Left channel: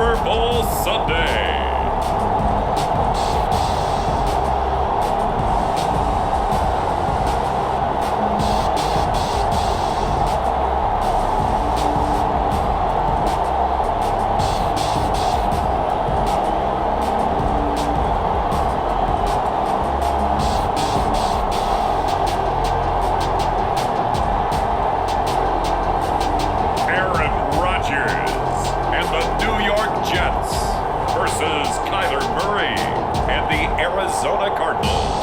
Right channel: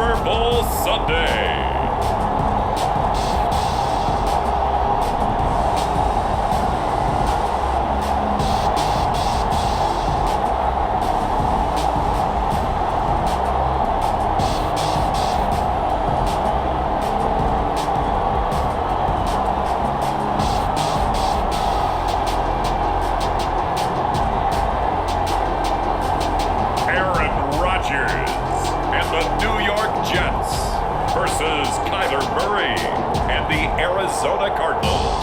Super Bowl Sunday. And the New York Jets versus Kyler Murray and the Arizona Cardinals.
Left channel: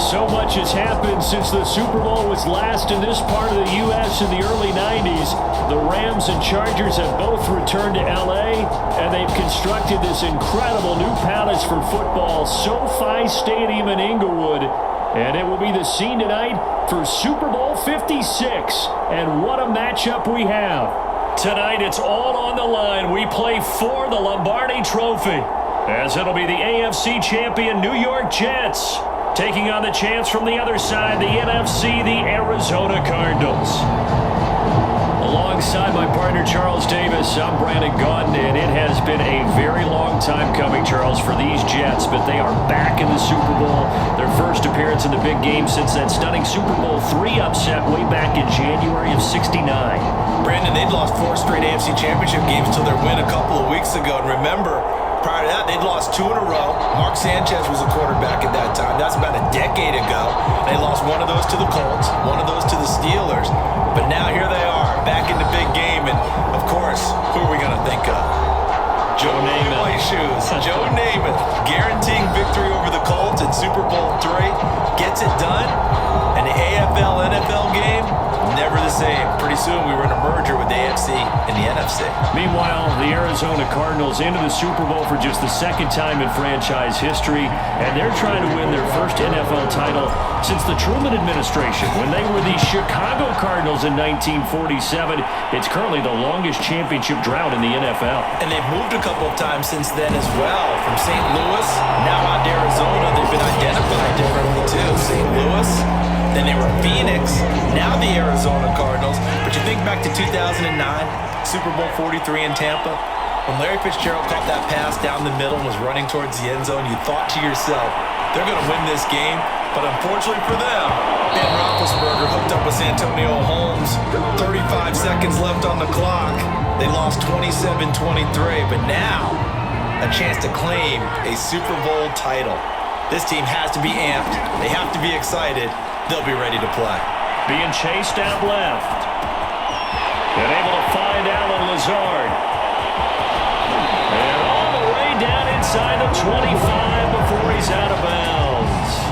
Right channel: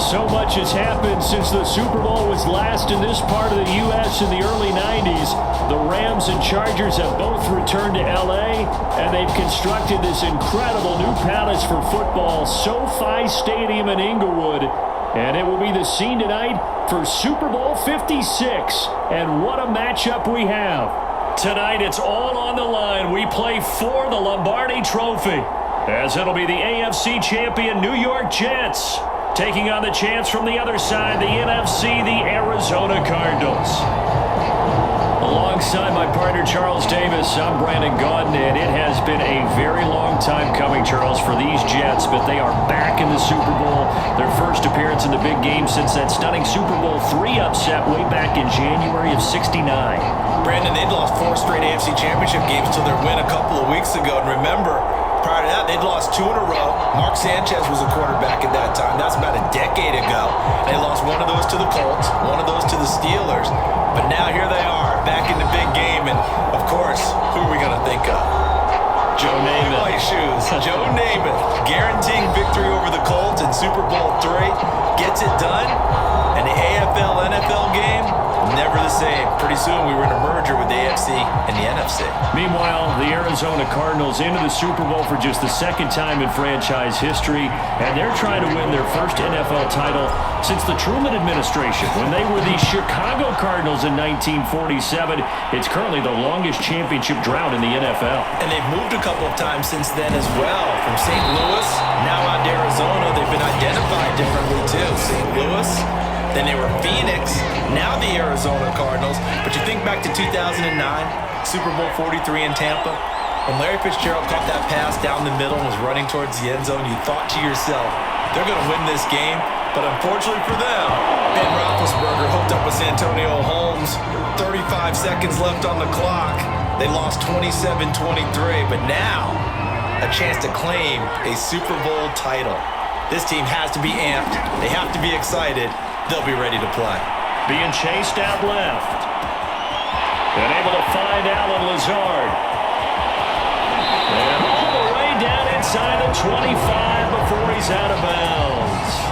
So much has happened since the Super Bowl was last in this part of the U.S. in the early 90s. The Rams and Chargers have both returned to L.A., and they've constructed this incredible new palace for football, SoFi Stadium in Inglewood. And it will be the scene tonight for Super Bowl 56. And what a matchup we have. Tonight, it's all on the line. We play for the Lombardi Trophy, as it'll be the AFC champion New York Jets taking on the chance from the other side, the NFC, the Arizona Cardinals. Alongside my partner, Charles Davis, I'm Brandon Gaudin, and it has been a very long time coming, Charles, for these Jets, but they are back in the Super Bowl. Their first appearance in the big game since that stunning Super Bowl III upset way back in January of '69. Brandon, they'd lost 4 straight AFC Championship games until their win a couple of weeks ago. And remember, prior to that, they'd lost 2 in a row. Mark Sanchez was a quarterback at that time. That's about a decade ago. They lost one of those to the Colts, one of those to the Steelers. But now here they are, back in the big game. And, of course, who are we going to think of? Joe Namath. White shoes. Joe Namath, guaranteeing victory over the Colts in Super Bowl III. Gets it done. And the AFL-NFL game, never the same. Pretty soon we were in a merger with the AFC and the NFC. Meanwhile, the Arizona Cardinals into the Super Bowl for just the second time in franchise history, and they're trying to win their first NFL title since the Truman administration when they were the Chicago Cardinals in 1947. It's currently the longest championship drought in the NFL. And they've moved a couple of times since then as well. From St. Louis, now out to Arizona. They've been identified differently too. St. Louis, then they were Phoenix, now the Arizona Cardinals. But you think back to 2009, Super Bowl 43 in Tampa, when Larry Fitzgerald caught that pass down the middle and was running towards the end zone, you thought to yourself, they're going to win this game. But unfortunately for them, Ben Roethlisberger hooked up with Santonio Holmes. 35 seconds left on the clock. They lost 27-23, but now a chance to claim a Super Bowl title. This team has to be amped. They have to be excited. They'll be ready to play. Being chased out left. And able to find Allen Lazard. And all the way down inside the 25 before he's out of bounds.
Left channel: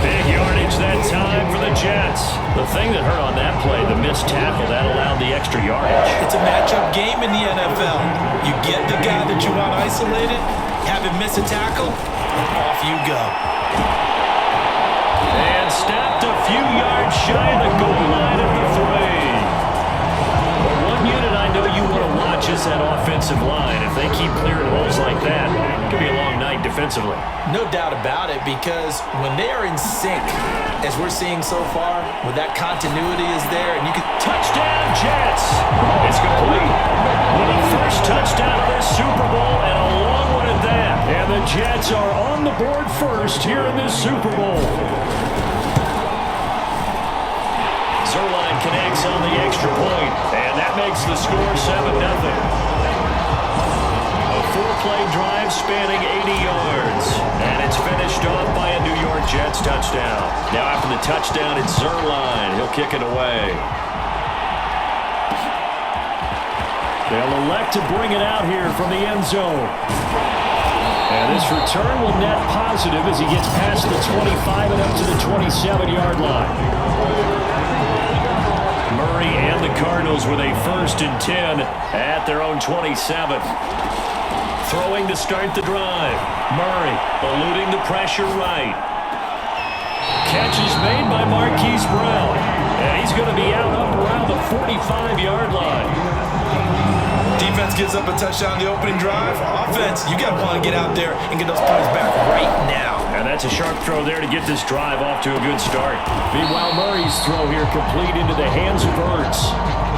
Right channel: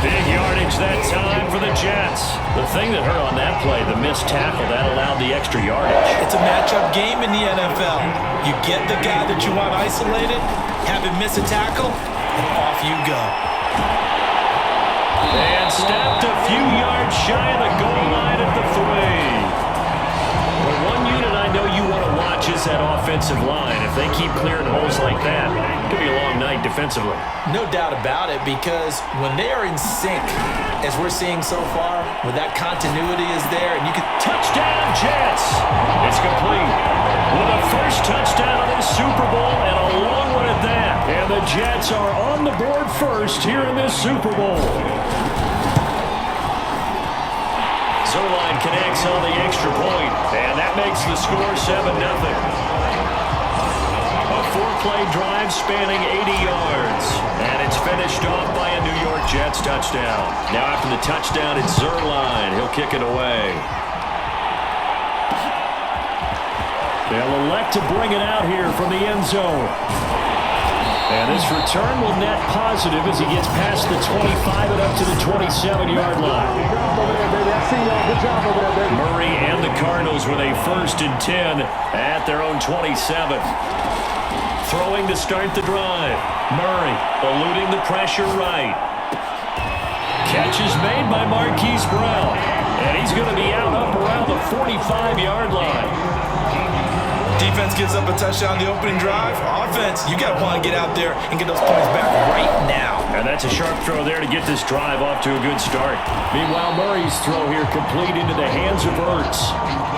Big yardage that time for the Jets. The thing that hurt on that play, the missed tackle, that allowed the extra yardage. It's a matchup game in the NFL. You get the guy that you want isolated, have him miss a tackle, and off you go. And stopped a few yards shy of the goal line at the 3. Well, one unit I know you want to watch is that offensive line. If they keep clearing holes like that, it could be a long night defensively. No doubt about it, because when they are in sync, as we're seeing so far, when that continuity is there, and you can... Touchdown, Jets! It's complete. With the first touchdown of this Super Bowl, and a long one at that. And the Jets are on the board first here in this Super Bowl. Zerline connects on the extra point, and that makes the score 7-0. A 4-play drive spanning 80 yards, and it's finished off by a New York Jets touchdown. Now after the touchdown, it's Zerline. He'll kick it away. They'll elect to bring it out here from the end zone. And this return will net positive as he gets past the 25 and up to the 27-yard line. Murray and the Cardinals with a 1st and 10 at their own 27. Throwing to start the drive. Murray eluding the pressure right. Catch is made by Marquise Brown. And he's going to be out up around the 45-yard line. Defense gives up a touchdown the opening drive. Offense, you got to want to get out there and get those points back right now. And that's a sharp throw there to get this drive off to a good start. Meanwhile, Murray's throw here complete into the hands of Ertz.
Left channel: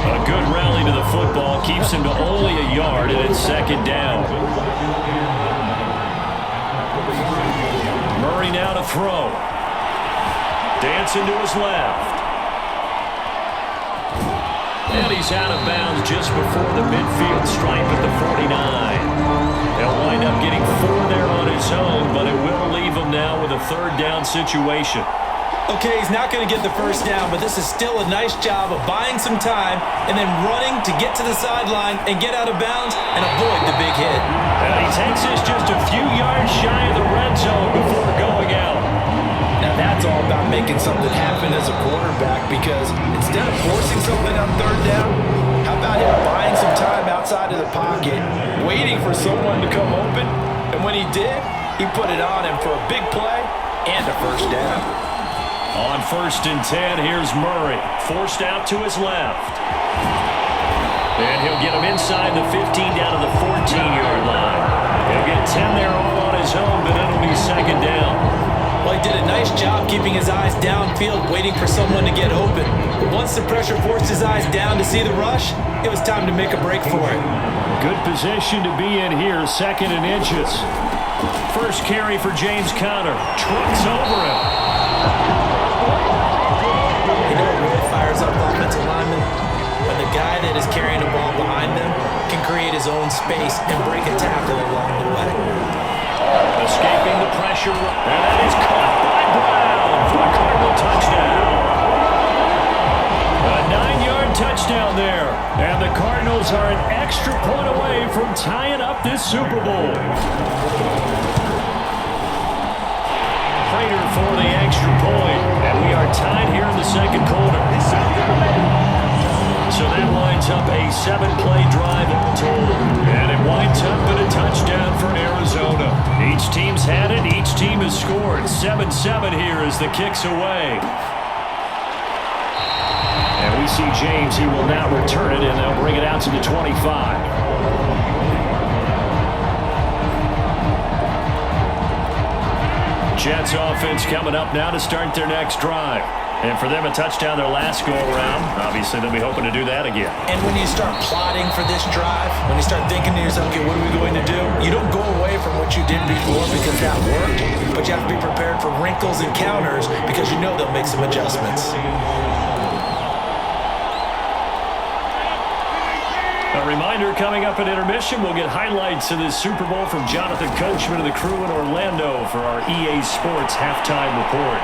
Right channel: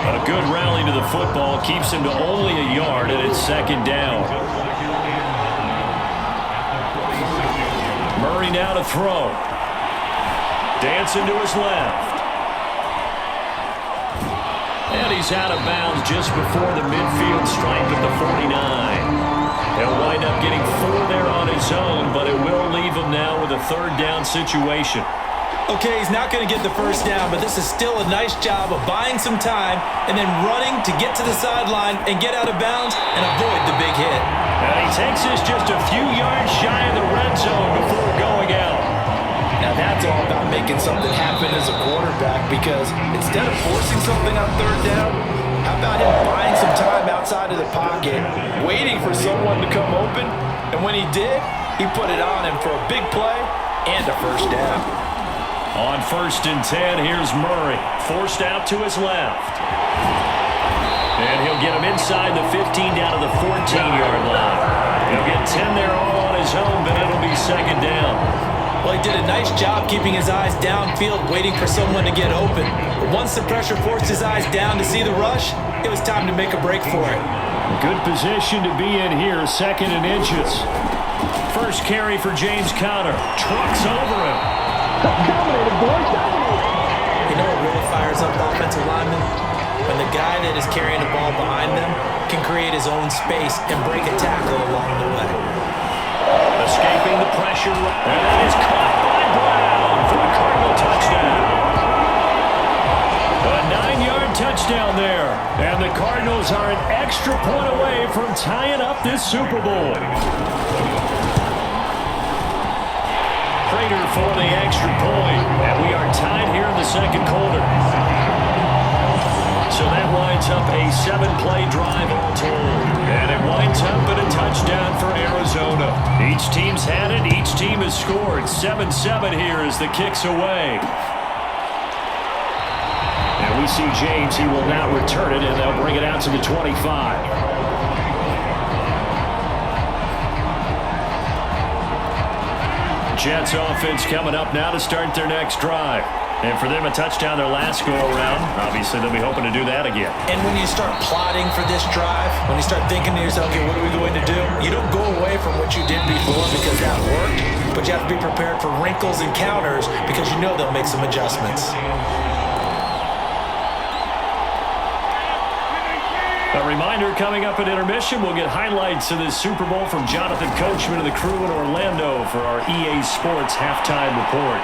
A good rally to the football keeps him to only a yard, and it's second down. Murray now to throw. Dancing to his left. And he's out of bounds just before the midfield stripe at the 49. He'll wind up getting 4 there on his own, but it will leave him now with a third down situation. Okay, he's not going to get the first down, but this is still a nice job of buying some time and then running to get to the sideline and get out of bounds and avoid the big hit. And he takes this just a few yards shy of the red zone before going out. Now that's all about making something happen as a quarterback, because instead of forcing something on third down, how about him buying some time outside of the pocket, waiting for someone to come open, and when he did, he put it on him for a big play and a first down. On 1st and 10, here's Murray, forced out to his left. And he'll get him inside the 15 down to the 14-yard line. He'll get 10 there all on his own, but it'll be second down. Well, he did a nice job keeping his eyes downfield, waiting for someone to get open. But once the pressure forced his eyes down to see the rush, it was time to make a break for it. A good position to be in here, 2nd and inches. First carry for James Conner. Trucks over him. You know what really fires up offensive linemen? When the guy that is carrying the ball behind them can create his own space and break a tackle along the way. Escaping the pressure, and that is caught by Brown for a Cardinal touchdown. A 9-yard touchdown there, and the Cardinals are an extra point away from tying up this Super Bowl. Prater for the extra point, and we are tied here in the second quarter. So that winds up a 7-play drive all told. And it winds up in a touchdown for Arizona. Each team's had it. Each team has scored. 7-7 here as the kick's away. And we see James. He will not return it, and they'll bring it out to the 25. Jets offense coming up now to start their next drive. And for them, a touchdown their last go-around. Obviously, they'll be hoping to do that again. And when you start plotting for this drive, when you start thinking to yourself, okay, what are we going to do? You don't go away from what you did before because that worked, but you have to be prepared for wrinkles and counters because you know they'll make some adjustments. A reminder, coming up at intermission, we'll get highlights of this Super Bowl from Jonathan Coachman and the crew in Orlando for our EA Sports halftime report.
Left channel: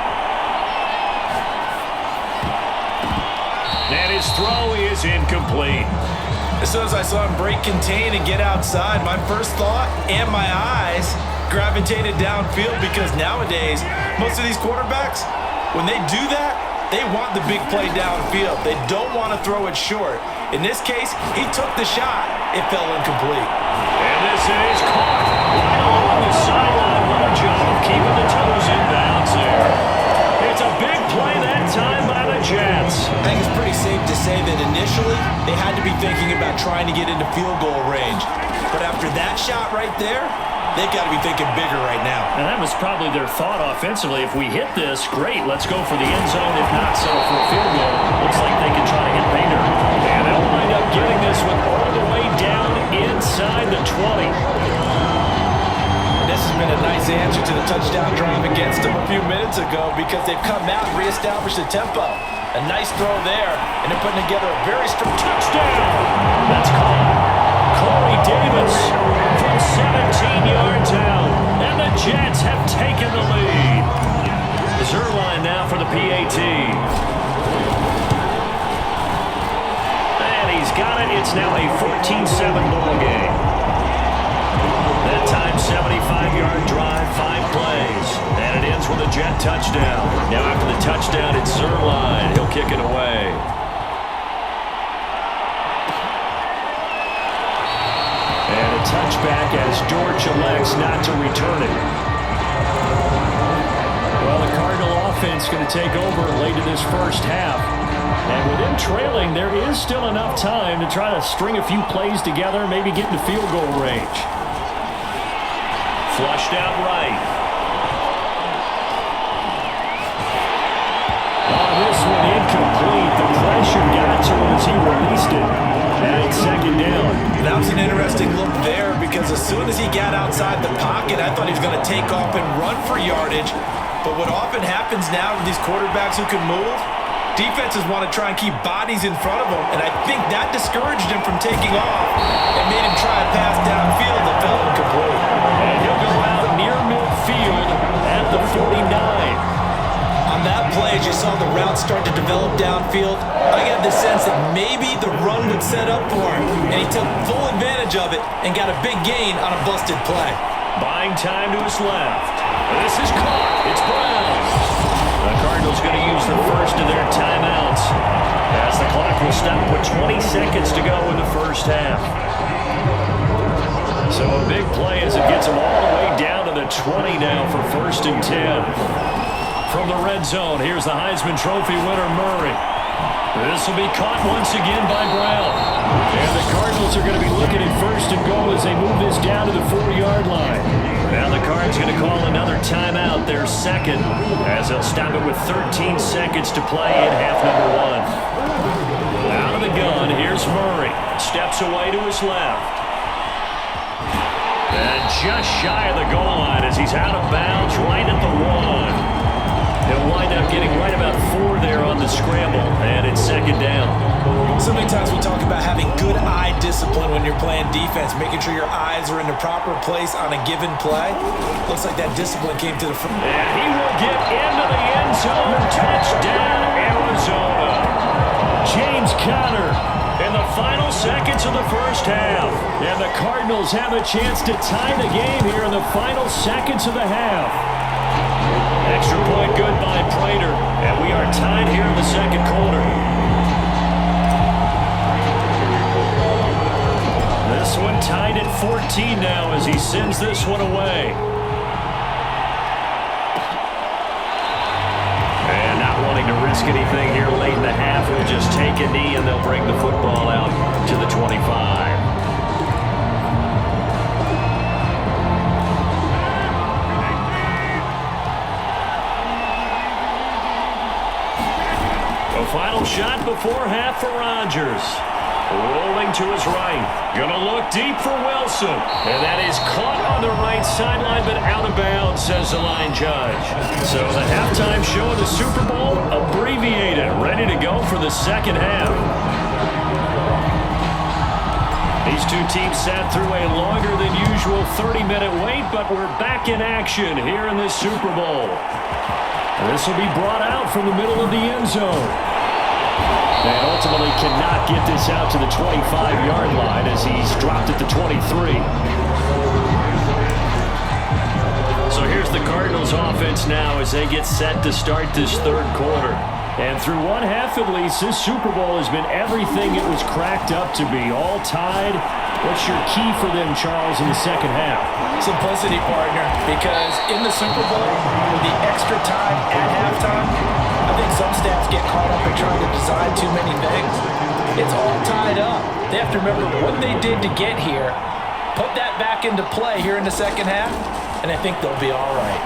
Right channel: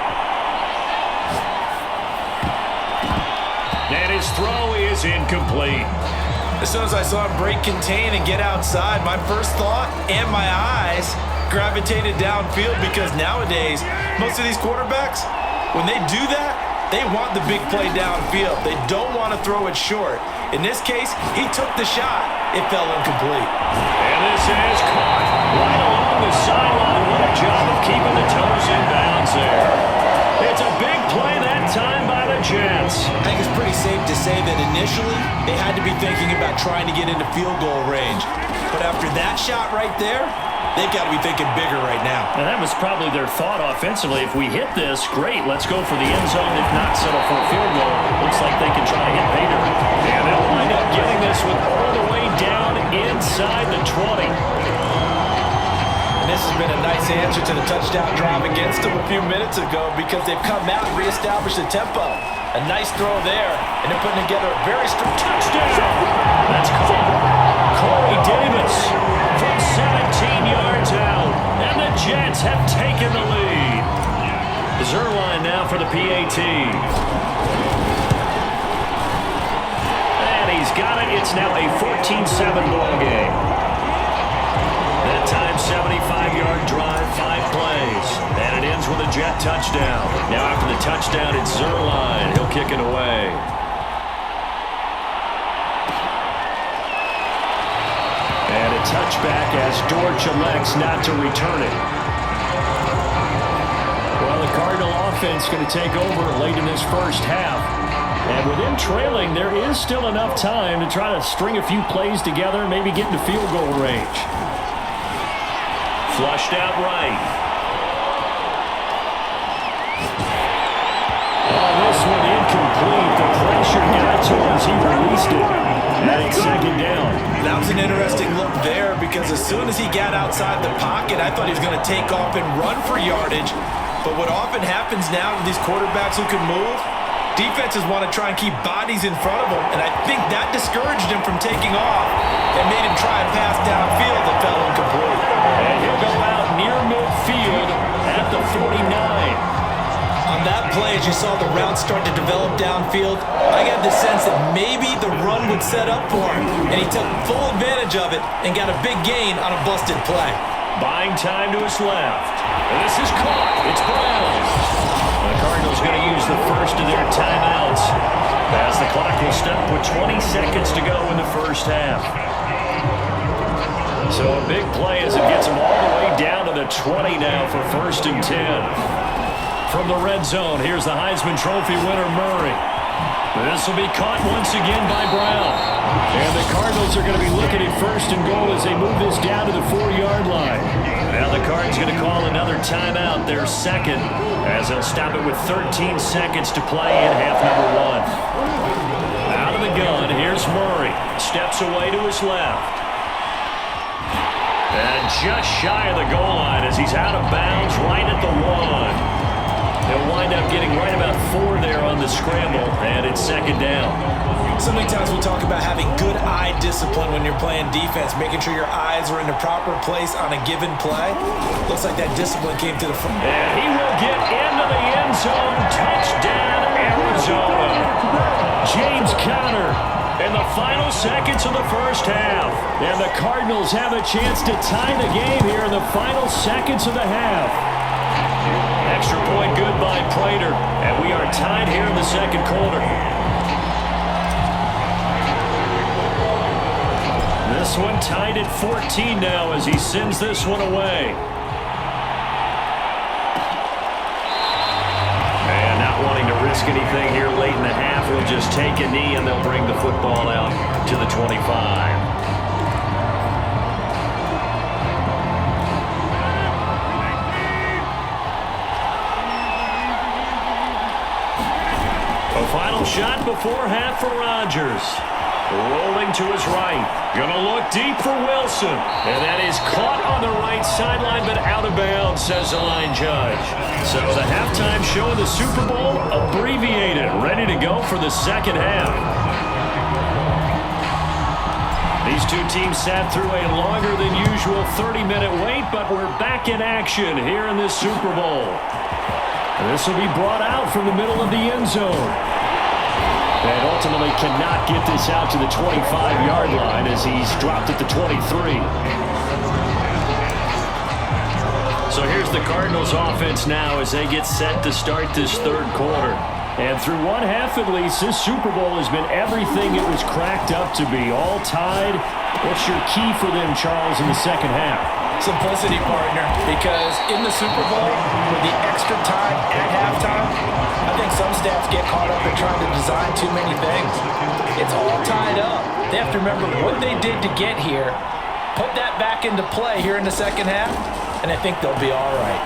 And his throw is incomplete. As soon as I saw him break contain and get outside, my first thought and my eyes gravitated downfield, because nowadays, most of these quarterbacks, when they do that, they want the big play downfield. They don't want to throw it short. In this case, he took the shot. It fell incomplete. And this is caught right along the sideline. What a job of keeping the toes in bounds there. It's a big play that time by the Jets. I think it's pretty safe to say that initially they had to be thinking about trying to get into field goal range. But after that shot right there, they've got to be thinking bigger right now. And that was probably their thought offensively. If we hit this, great, let's go for the end zone. If not, settle for a field goal. Looks like they can try to hit pay dirt. And they'll wind up getting this with all the way down inside the 20. And this has been a nice answer to the touchdown drive against them a few minutes ago, because they've come out and reestablished the tempo. A nice throw there, and they're putting together a very strong touchdown. That's caught. Corey Davis from 17 yards out, and the Jets have taken the lead. Zerline now for the PAT. And he's got it. It's now a 14-7 ball game. That time, 75-yard drive, 5 plays. And it ends with a Jet touchdown. Now after the touchdown, it's Zerline. He'll kick it away. And a touchback as Dortch elects not to return it. Well, the Cardinal offense going to take over late in this first half. And with them trailing, there is still enough time to try to string a few plays together, maybe get into field goal range. Flushed out right. On this one, incomplete. The pressure got to him as he released it. And it's second down. That was an interesting look there because as soon as he got outside the pocket, I thought he was going to take off and run for yardage. But what often happens now with these quarterbacks who can move, defenses want to try and keep bodies in front of them, and I think that discouraged him from taking off and made him try a pass downfield that fell incomplete. And he'll go out near midfield at the 49. On that play, as you saw the route start to develop downfield, I got the sense that maybe the run would set up for him, and he took full advantage of it and got a big gain on a busted play. Buying time to his left. And this is caught. It's Brown. The Cardinals going to use the first of their timeouts as the clock will stop with 20 seconds to go in the first half. So a big play as it gets them all the way down to the 20 now for 1st and 10. From the red zone, here's the Heisman Trophy winner, Murray. This will be caught once again by Brown. And the Cardinals are going to be looking at 1st and goal as they move this down to the 4-yard line. Now the Cards going to call another timeout, their second, as they'll stop it with 13 seconds to play in half number 1. Out of the gun, here's Murray. Steps away to his left. And just shy of the goal line as he's out of bounds right at the 1. He'll wind up getting right about 4 there on the scramble, and it's second down. So many times we talk about having good eye discipline when you're playing defense, making sure your eyes are in the proper place on a given play. Looks like that discipline came to the front. And he will get into the end zone. Touchdown, Arizona. James Conner in the final seconds of the first half. And the Cardinals have a chance to tie the game here in the final seconds of the half. Extra point good by Prater, and we are tied here in the second quarter. This one tied at 14 now as he sends this one away. And not wanting to risk anything here late in the half, he'll just take a knee and they'll bring the football out to the 25. A final shot before half for Rodgers. Rolling to his right. Gonna look deep for Wilson. And that is caught on the right sideline, but out of bounds, says the line judge. So the halftime show of the Super Bowl abbreviated. Ready to go for the second half. These two teams sat through a longer than usual 30-minute wait, but we're back in action here in this Super Bowl. And this will be brought out from the middle of the end zone. And ultimately cannot get this out to the 25-yard line as he's dropped at the 23. So here's the Cardinals offense now as they get set to start this third quarter. And through one half at least, this Super Bowl has been everything it was cracked up to be. All tied. What's your key for them, Charles, in the second half? Simplicity, partner, because in the Super Bowl, with the extra time at halftime, I think some staffs get caught up in trying to design too many things. It's all tied up. They have to remember what they did to get here, put that back into play here in the second half, and I think they'll be all right.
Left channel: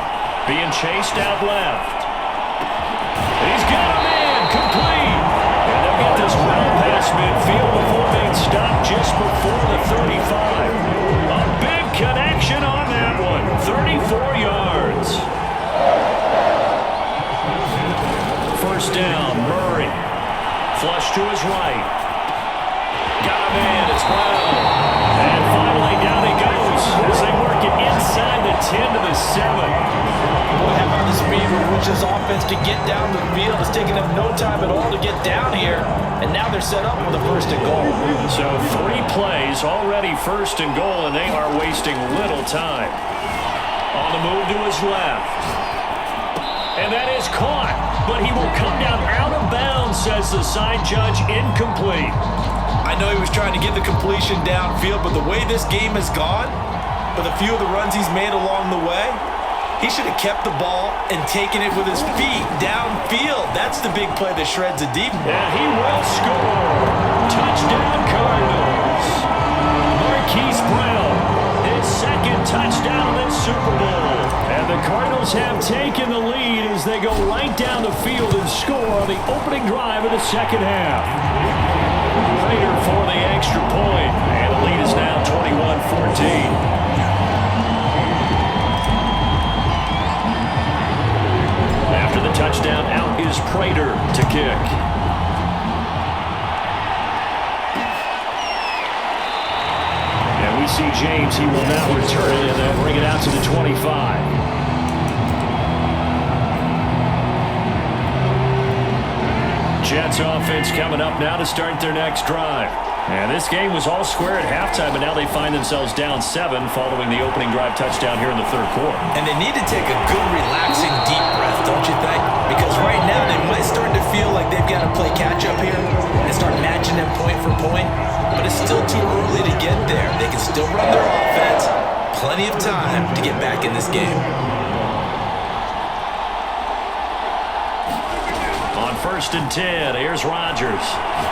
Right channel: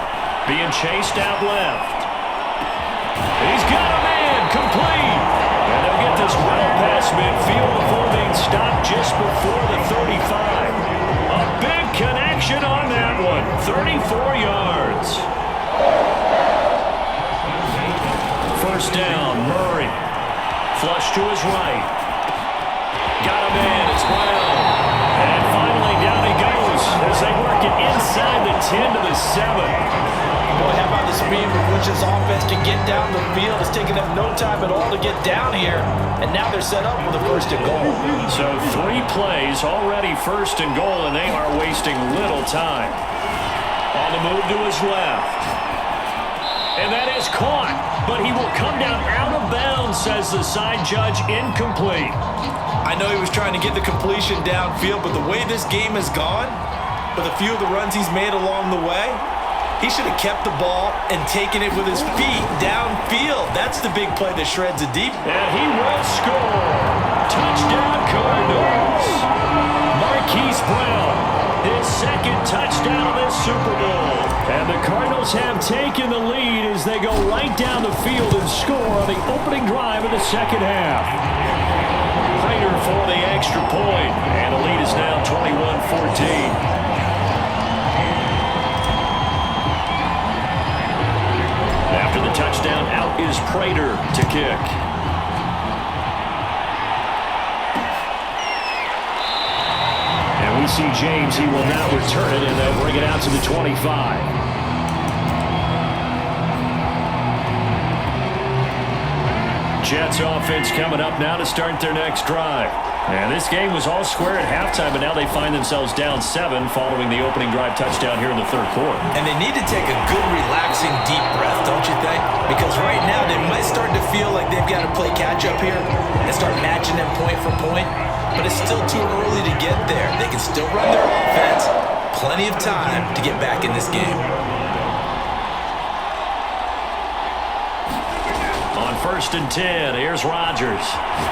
Being chased out left. He's got a man, complete. And they'll get this well past midfield before being stopped just before the 35. A big connection on that one. 34 yards. First down, Murray. Flush to his right. Got a man, it's Brown. And finally down he goes as they work it inside the 10 to the 7. Boy, how about the speed with which this offense can get down the field? It's taken them no time at all to get down here. And now they're set up with a first and goal. So 3 plays already first and goal, and they are wasting little time. On the move to his left. And that is caught. But he will come down out of bounds, says the side judge, incomplete. I know he was trying to get the completion downfield, but the way this game has gone, with a few of the runs he's made along the way, he should have kept the ball and taken it with his feet downfield. That's the big play that shreds a deep. And he will score. Touchdown, Cardinals. Marquise Brown. his second touchdown of this Super Bowl. And the Cardinals have taken the lead as they go right down the field and score on the opening drive of the second half. Prater for the extra point, and the lead is now 21-14. After the touchdown, out is Prater to kick. And we see James. He will now return it, and they'll bring it out to the 25. Jets offense coming up now to start their next drive. And this game was all square at halftime, but now they find themselves down 7 following the opening drive touchdown here in the third quarter. And they need to take a good, relaxing, deep breath, don't you think? Because right now they might start to feel like they've got to play catch-up here and start matching them point for point. But it's still too early to get there. They can still run their offense. Plenty of time to get back in this game. On 1st and 10, here's Rodgers.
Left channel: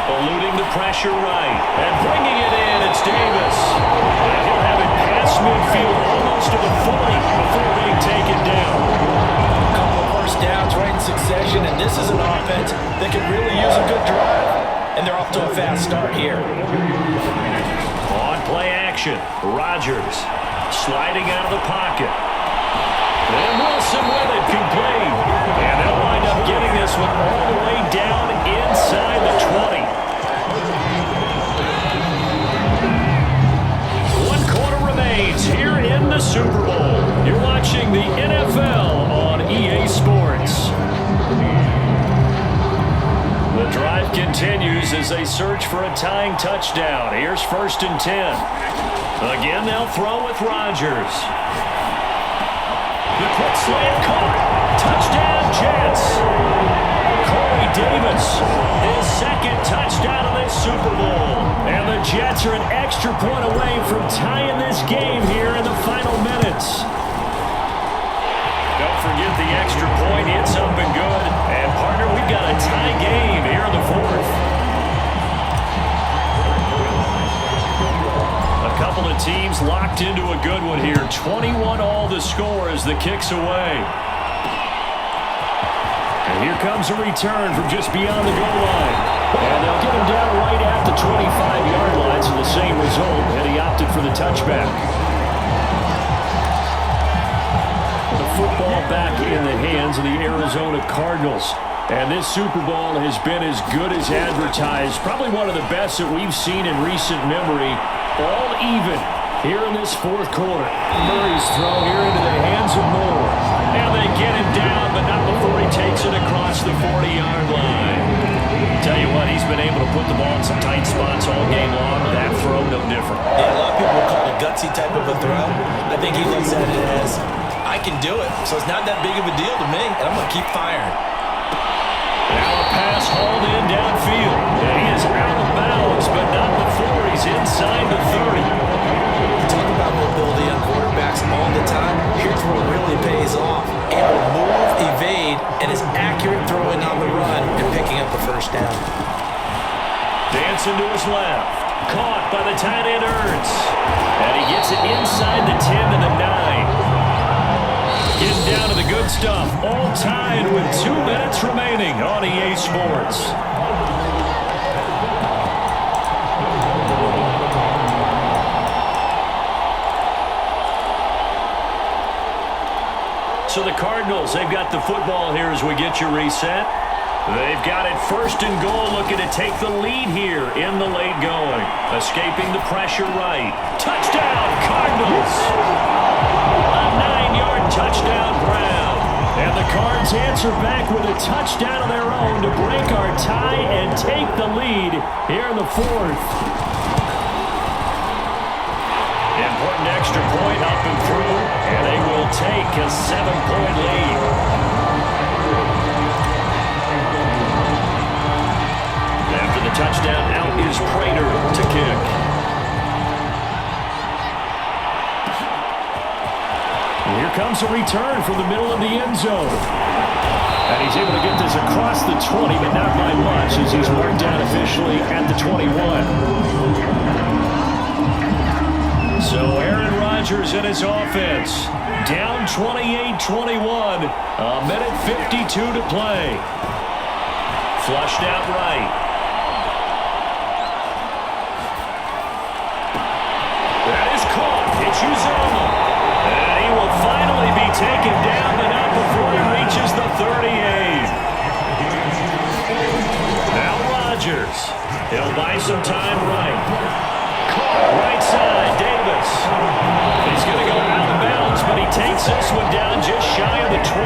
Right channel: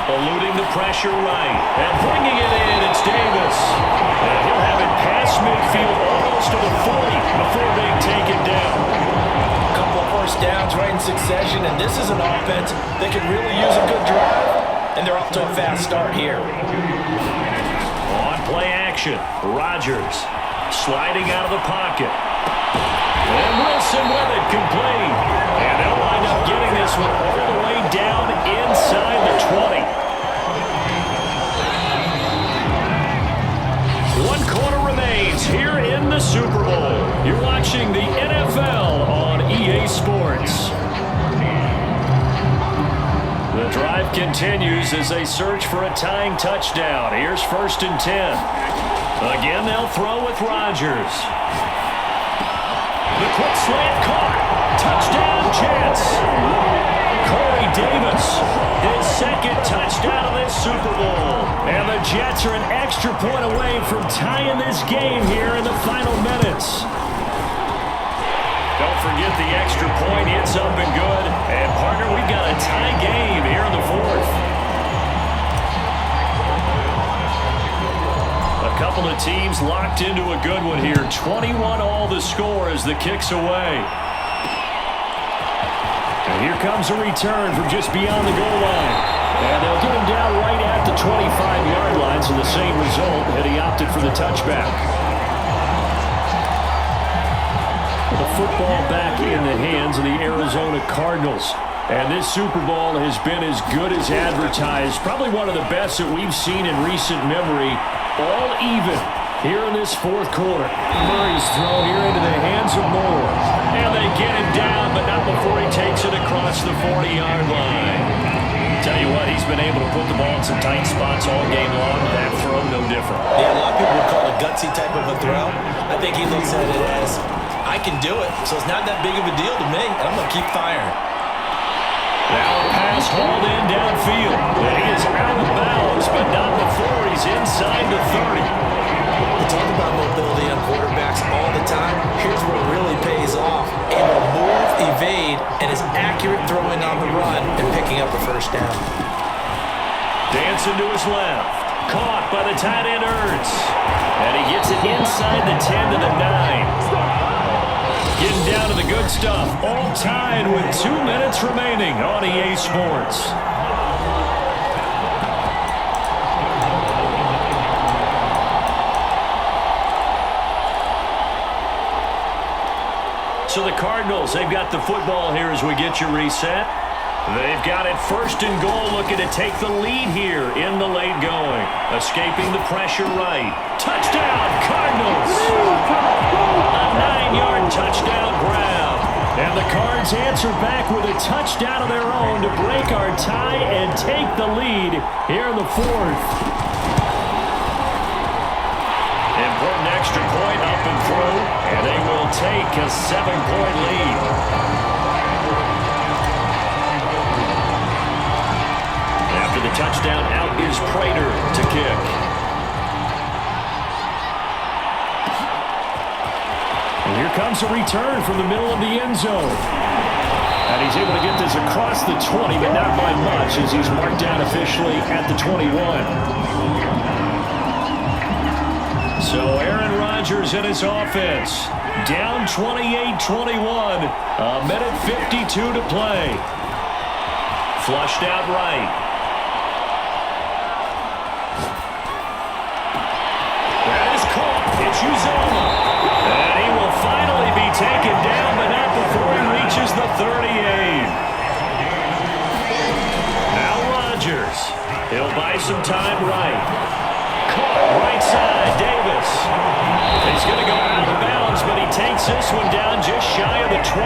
Eluding the pressure right. And bringing it in, it's Davis. And he'll have it past midfield almost to the 40 before being taken down. A couple of first downs right in succession, and this is an offense that could really use a good drive. And they're off to a fast start here. On play action, Rodgers sliding out of the pocket. And Wilson with it, complete. And they'll wind up getting this one all the way down inside the 20. 1 quarter remains here in the Super Bowl. You're watching the NFL on EA Sports. The drive continues as they search for a tying touchdown. Here's 1st and 10. Again, they'll throw with Rodgers. The quick slant caught. Touchdown, Jets. Corey Davis, his second touchdown of this Super Bowl. And the Jets are an extra point away from tying this game here in the final minutes. Don't forget the extra point. It's up and good. And, partner, we've got a tie game here in the fourth. A couple of teams locked into a good one here. 21-all the score as the kick's away. And here comes a return from just beyond the goal line. And they'll get him down right at the 25-yard line, so the same result had he opted for the touchback. The football back in the hands of the Arizona Cardinals. And this Super Bowl has been as good as advertised. Probably one of the best that we've seen in recent memory. All even here in this fourth quarter. Murray's throw here into the hands of Moore. And they get him down, but not before he takes it across the 40-yard line. Tell you what, he's been able to put the ball in some tight spots all game long. That throw, no different. Yeah, a lot of people would call it a gutsy type of a throw. I think he looks at it as, I can do it, so it's not that big of a deal to me, and I'm going to keep firing. Now a pass hauled in downfield, and he is out of bounds, but not before he's inside the 30. We talk about mobility on quarterbacks all the time. Here's where it really pays off. Able to move, evade, and is accurate throwing on the run and picking up a first down. Dancing to his left. Caught by the tight end Ertz. And he gets it inside the 10 to the 9. Getting down to the good stuff. All tied with 2 minutes remaining on EA Sports. So the Cardinals, they've got the football here as we get you reset. They've got it 1st and goal, looking to take the lead here in the late going. Escaping the pressure right. Touchdown, Cardinals! A 9-yard touchdown grab. And the Cards answer back with a touchdown of their own to break our tie and take the lead here in the fourth. Important extra point up and through, and they will take a 7-point lead. After the touchdown, out is Prater to kick. And here comes a return from the middle of the end zone. And he's able to get this across the 20, but not by much, as he's marked down officially at the 21. So Aaron Rodgers and his offense down 28-21. A minute 52 to play. Flushed out right. That is caught. It's Uzomah. And he will finally be taken down, but not before he reaches the 38. Now Rodgers. He'll buy some time right. Caught right side, Davis. He's going to go out of bounds, but he takes this one down just shy of the 20.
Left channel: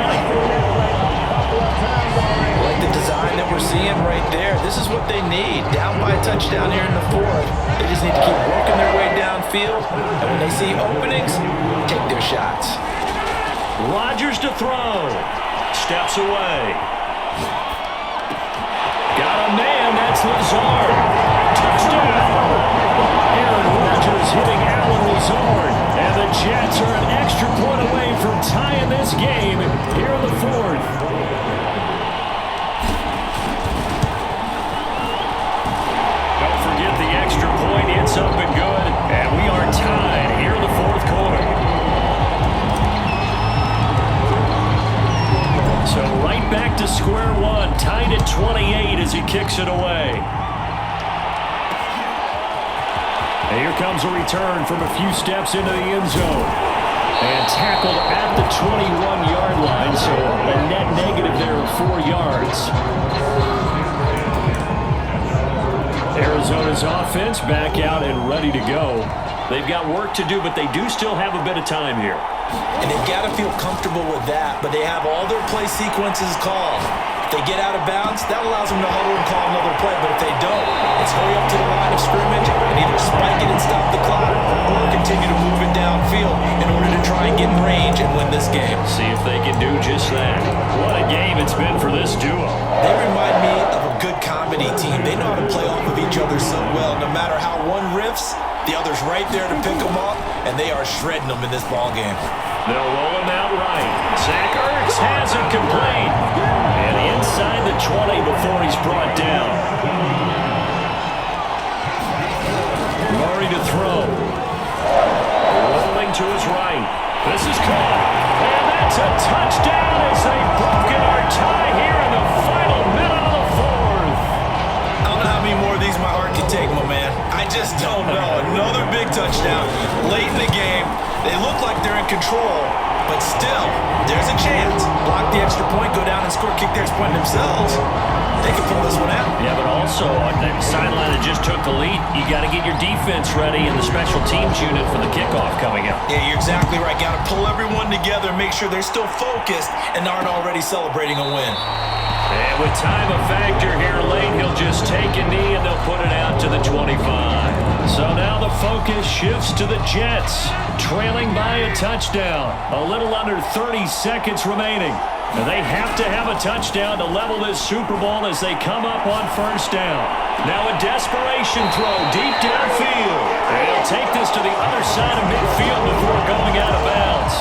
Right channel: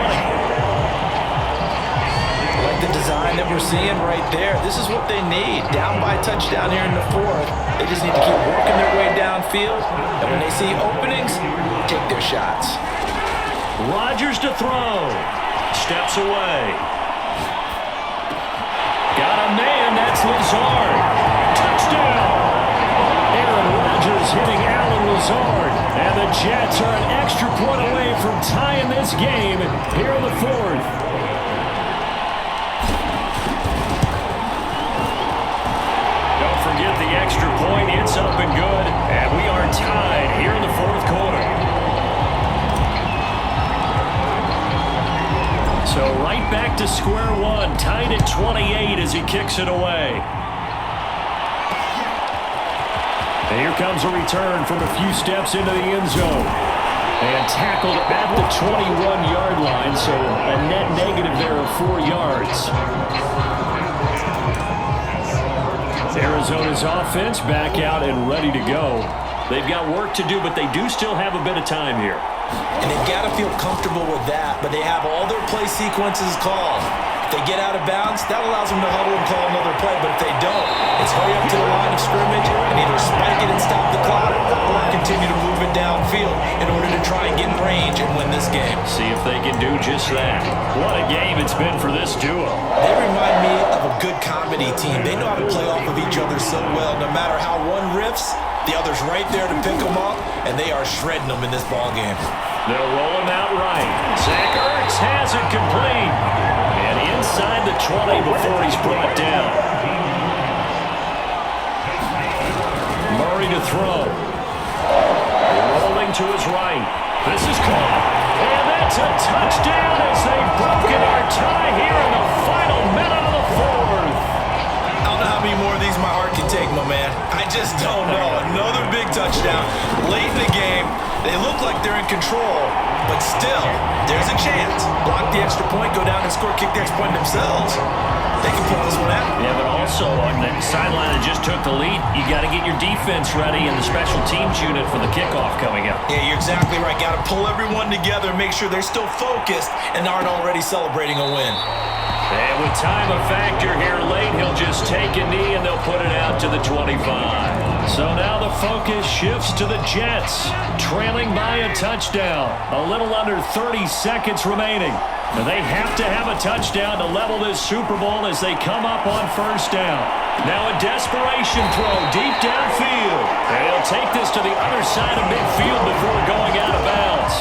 I like the design that we're seeing right there. This is what they need. Down by a touchdown here in the fourth. They just need to keep working their way downfield. And when they see openings, take their shots. Rodgers to throw. Steps away. Got a man. That's Lazard. Touchdown. Aaron Rodgers hitting Allen Lazard. And the Jets are an extra point away from tying this game here in the fourth. Don't forget the extra point. It's up and good. And we are tied here in the fourth quarter. So right back to square one. Tied at 28 as he kicks it away. And here comes a return from a few steps into the end zone. And tackled at the 21-yard line, so a net negative there of 4 yards. Arizona's offense back out and ready to go. They've got work to do, but they do still have a bit of time here. And they've got to feel comfortable with that, but they have all their play sequences called. If they get out of bounds, that allows them to huddle and call another play. But if they don't, it's hurry up to the line of scrimmage and either spike it and stop the clock or continue to move it downfield in order to try and get in range and win this game. See if they can do just that. What a game it's been for this duo. They remind me of a good comedy team. They know how to play off of each other so well. No matter how one riffs, the other's right there to pick them up, and they are shredding them in this ball game. They'll roll him out right. Zach Ertz has it complete. And inside the 20 before he's brought down. Murray to throw. Rolling to his right. This is caught. And that's a touchdown as they've broken our tie here in the final minute of the fourth. I don't know how many more of these my heart can take, my man. I just don't know. Another big touchdown late in the game. They look like they're in control, but still, there's a chance. Block the extra point, go down and score, kick the extra point themselves. They can pull this one out. Yeah, but also on the sideline that just took the lead, you got to get your defense ready and the special teams unit for the kickoff coming up. Yeah, you're exactly right. Got to pull everyone together and make sure they're still focused and aren't already celebrating a win. And with time a factor here late, he'll just take a knee and they'll put it out to the 25. So now the focus shifts to the Jets, trailing by a touchdown. A little under 30 seconds remaining. And they have to have a touchdown to level this Super Bowl as they come up on first down. Now a desperation throw deep downfield. And he'll take this to the other side of midfield before going out of bounds.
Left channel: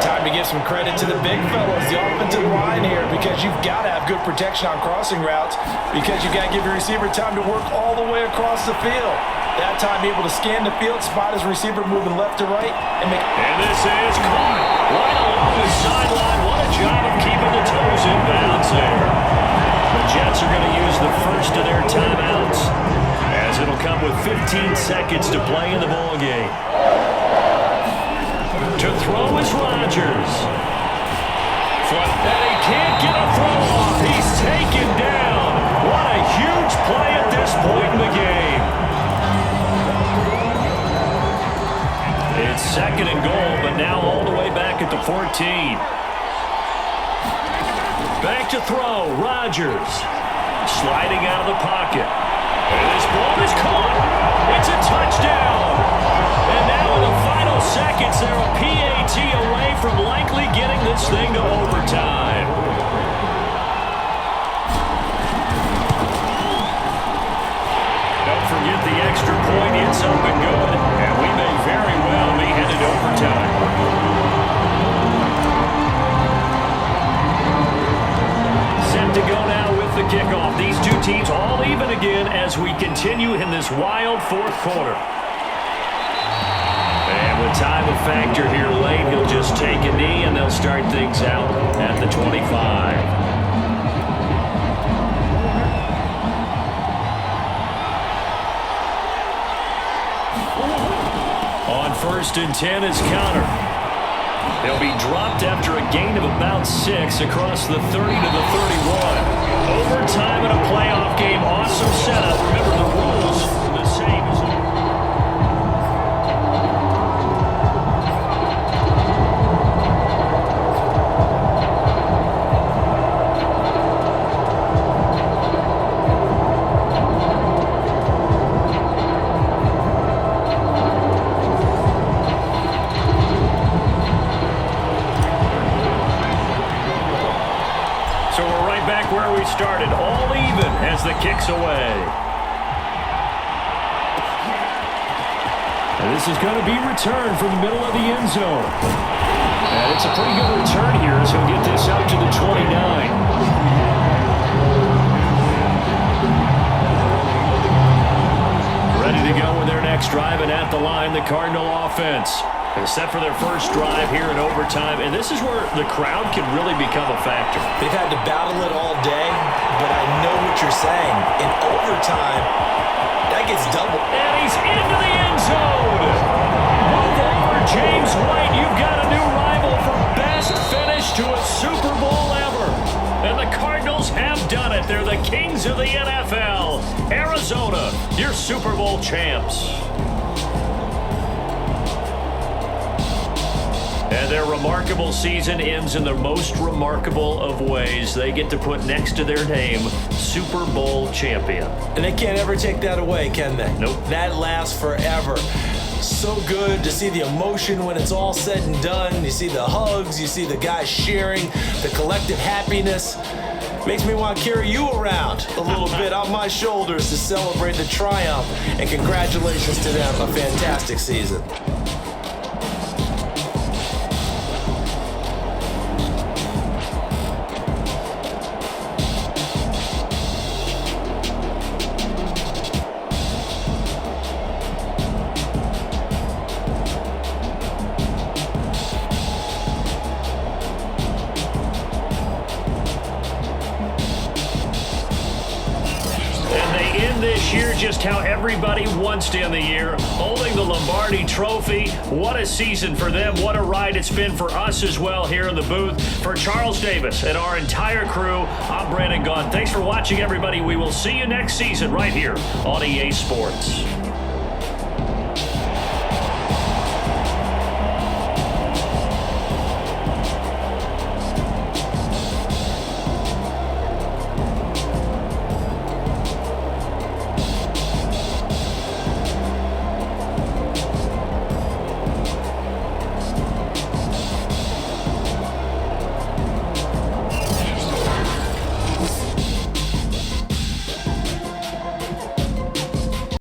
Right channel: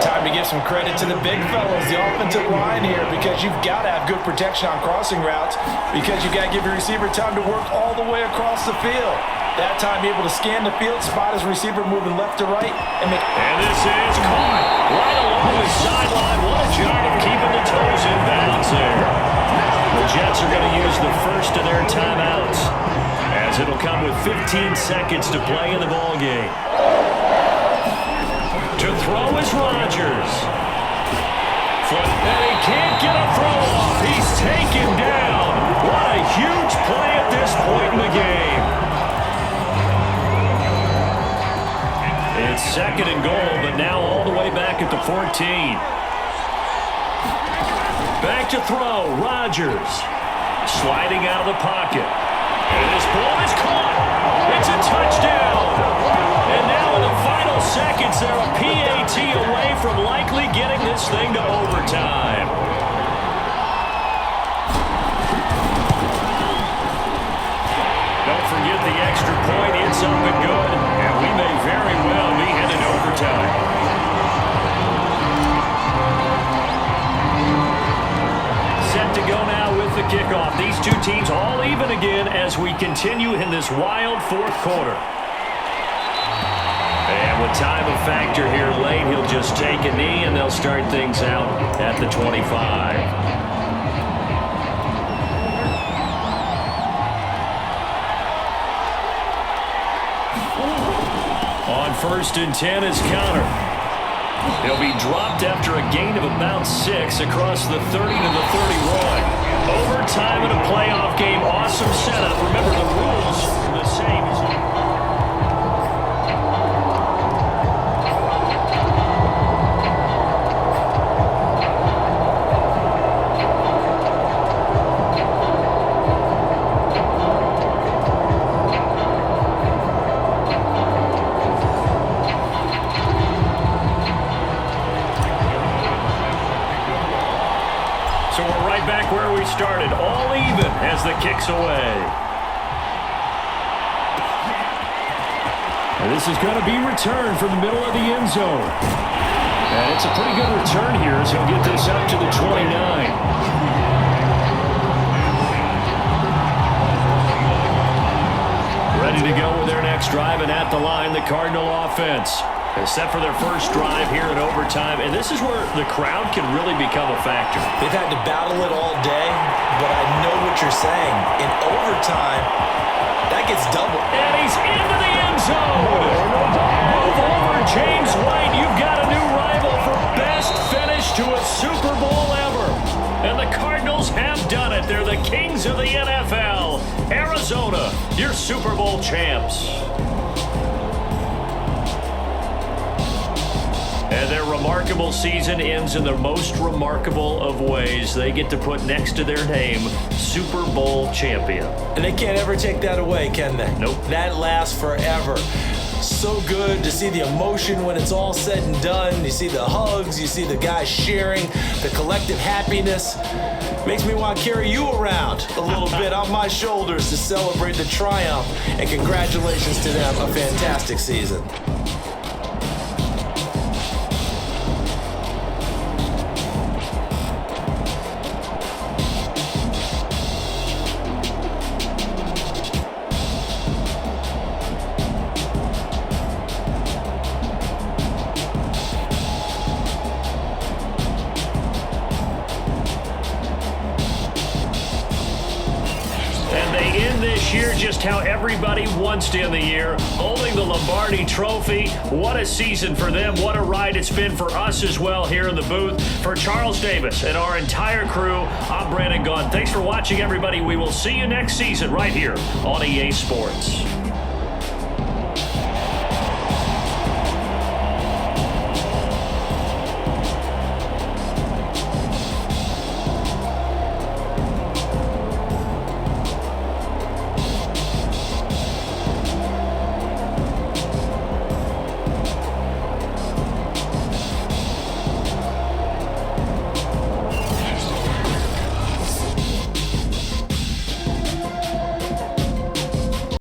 Time to give some credit to the big fellows, the offensive line here, because you've got to have good protection on crossing routes because you've got to give your receiver time to work all the way across the field. That time, be able to scan the field, spot his receiver moving left to right, and make... And this is caught right along the sideline. What a job of keeping the toes in bounds there. The Jets are going to use the first of their timeouts as it'll come with 15 seconds to play in the ball game. To throw is Rodgers. And he can't get a throw off. He's taken down. What a huge play at this point in the game. It's second and goal, but now all the way back at the 14. Back to throw, Rodgers. Sliding out of the pocket. And this ball is caught. It's a touchdown. And now in the final seconds, they're a PAT away from likely getting this thing to overtime. Don't forget the extra point. It's up and good. And we may very well be headed to overtime. Set to go now with the kickoff. These two teams all even again as we continue in this wild fourth quarter. And with time a factor here late, he'll just take a knee, and they'll start things out at the 25. On 1st and 10 is Counter. He'll be dropped after a gain of about 6 across the 30 to the 31. Overtime in a playoff game. Awesome setup. Remember, the rules are the same as So we're right back where we started, all even as the kick's away. And this is going to be returned from the middle of the end zone. And it's a pretty good return here as he'll get this up to the 29. Ready to go with their next drive, and at the line, the Cardinal offense. They're set for their first drive here in overtime, and this is where the crowd can really become a factor. They've had to battle it all day, but I know what you're saying. In overtime, that gets double. And he's into the end zone. Move over, James White. You've got a new rival for best finish to a Super Bowl ever. And the Cardinals have done it. They're the kings of the NFL. Arizona, your Super Bowl champs. And their remarkable season ends in the most remarkable of ways. They get to put next to their name, Super Bowl champion. And they can't ever take that away, can they? Nope. That lasts forever. So good to see the emotion when it's all said and done. You see the hugs, you see the guys sharing, the collective happiness. Makes me want to carry you around a little bit on my shoulders to celebrate the triumph. And congratulations to them, a fantastic season. And they end this year just how everybody wants to end the year, holding the Lombardi Trophy. What a season for them. What a ride it's been for us as well here in the booth. For Charles Davis and our entire crew, I'm Brandon Gaudin. Thanks for watching, everybody. We will see you next season right here on EA Sports.